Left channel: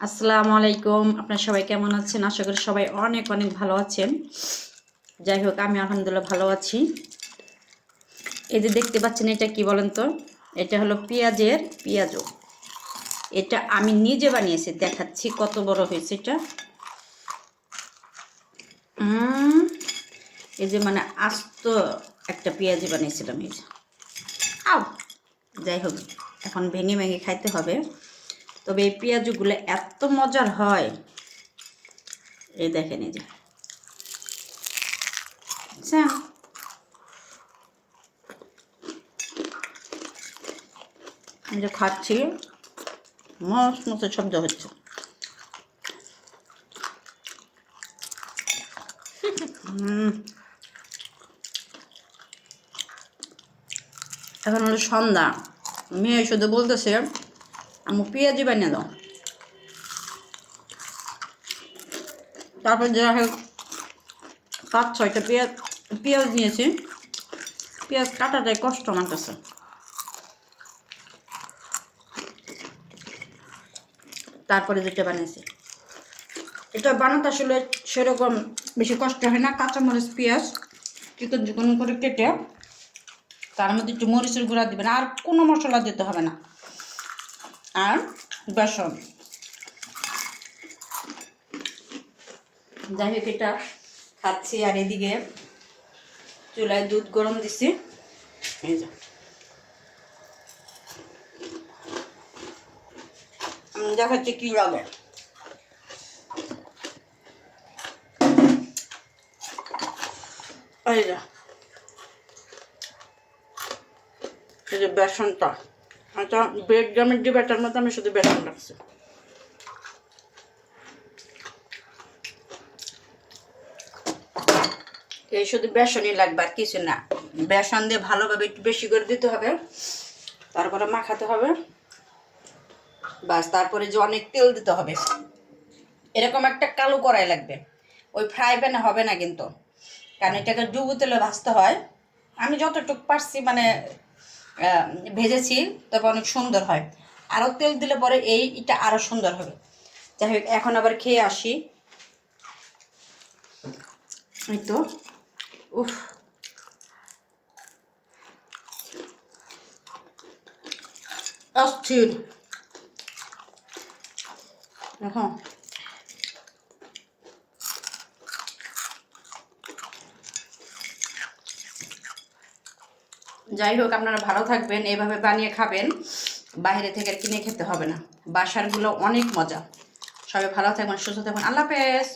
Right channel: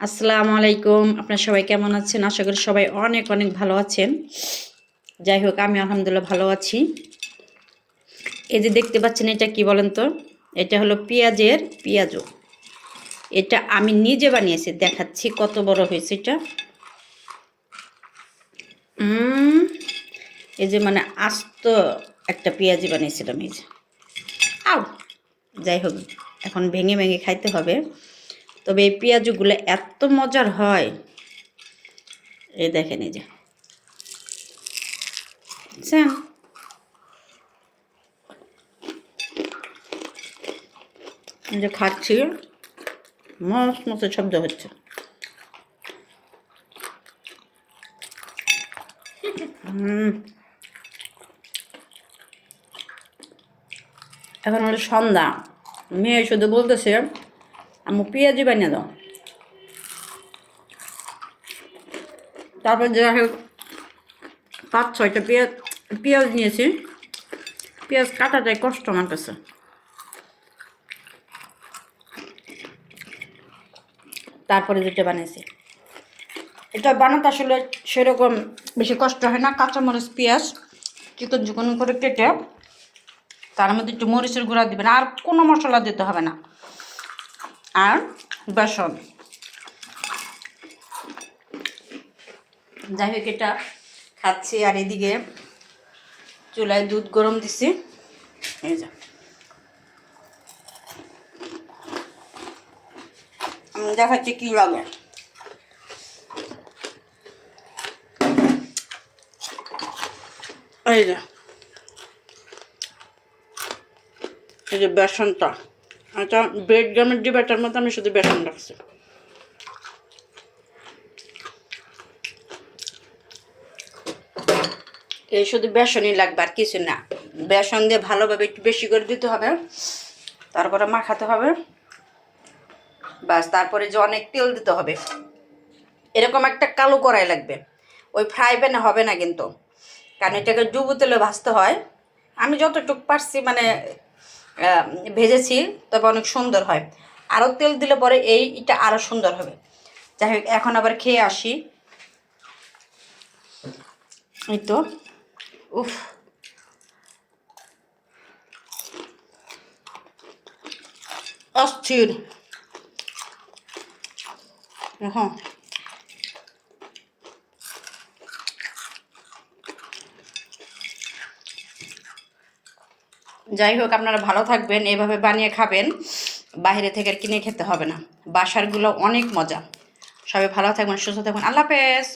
আসসালামু আলাইকুম। আপনারা সবাই কেমন আছেন? আশা করি সবাই অনেক অনেক ভালো আছেন। যাই হোক, আমি আলহামদুলিল্লাহ ভালো আছি। এই যে দেখতে পাচ্ছেন, এটা কি বলেন তো? এটা হলো পেঁয়াজের পেঁয়াজু। এটা আমি নিজে বানিয়েছি, দেখাচ্ছি কত বড় হয়েছে এটা। এই যে মানে আস্ত একটা পেঁয়াজি বানিয়েছিলাম এই যে। আও, যাই হোক, এখন ভেঙে ভেঙে খাইতে হবে। তবে এই পেঁয়াজুগুলো এত মজার হয়, এই দেখেন এই যে, বুঝছেন? এই যে খাচ্ছি, মস্ত মস্ত শব্দ হচ্ছে। এখন হলো সন্ধ্যা, মেয়ে শুধু বলতেছে আম্মু পেঁয়াজি বানিয়ে দাও। তারপর যে 5-6টা পেঁয়াজ নিয়েছি। পেঁয়াজ কাটাটাই কষ্ট আমার কাছে। তারপরে যেটা বানিয়েছি, এটা বানাতে আসলে সেরকম বেশি কষ্ট হয় না। কাঁচামরিচ পেঁয়াজ চিকন চিকন করে কেটে তার মধ্যে একটু মরিচের গুঁড়া দিবেন, আর কোনো মশলা দিতে হবে না। আর বেসন। যাই হোক, এটা খাচ্ছি। আর এদিকে চুলায় দুধ গরম দিছি, এই যে দেখাচ্ছি কি লাগে। এই যে, এই যে বেসনটা, এটা ব্রেড জামের যে ব্যাটার মতো আমি শুধু বেসন রাখছি। এই শুধু বেসনই লাগবে, আর কিছু না। বেসন দিয়ে ভালোভাবে একটু বেশি করে দিতে হবে, তারপরে মাখাতে হবে, বাস। তারপরে যে অনেক তেল দিতে হবে, এরকম একটা কালো কড়াই লাগবে। ওই ফ্রাই প্যানে হবে না কিন্তু, কারণ এটাকে ডুবো তেলে ভাজতে হয়। আমি যতটুকু পারছি মানে ভেজেছি, তবে অনেক সুন্দর হয়। আরও তেল দিলে পরে এটা আরও সুন্দর হবে। যাই হোক, এখন আবার খেয়ে আসি। এই তো, উফ, অস্থির। হ্যাঁ, যাই হোক, আপনারা ভালো থাকবেন, এভাবে বানিয়ে খাবেন। বাইরে থেকে আর কিনে খেতে হবে না। বাসারগুলো অনেক মজা। সবাই ভালো থাকবেন, সুস্থ থাকবেন। আল্লাহ হাফেজ।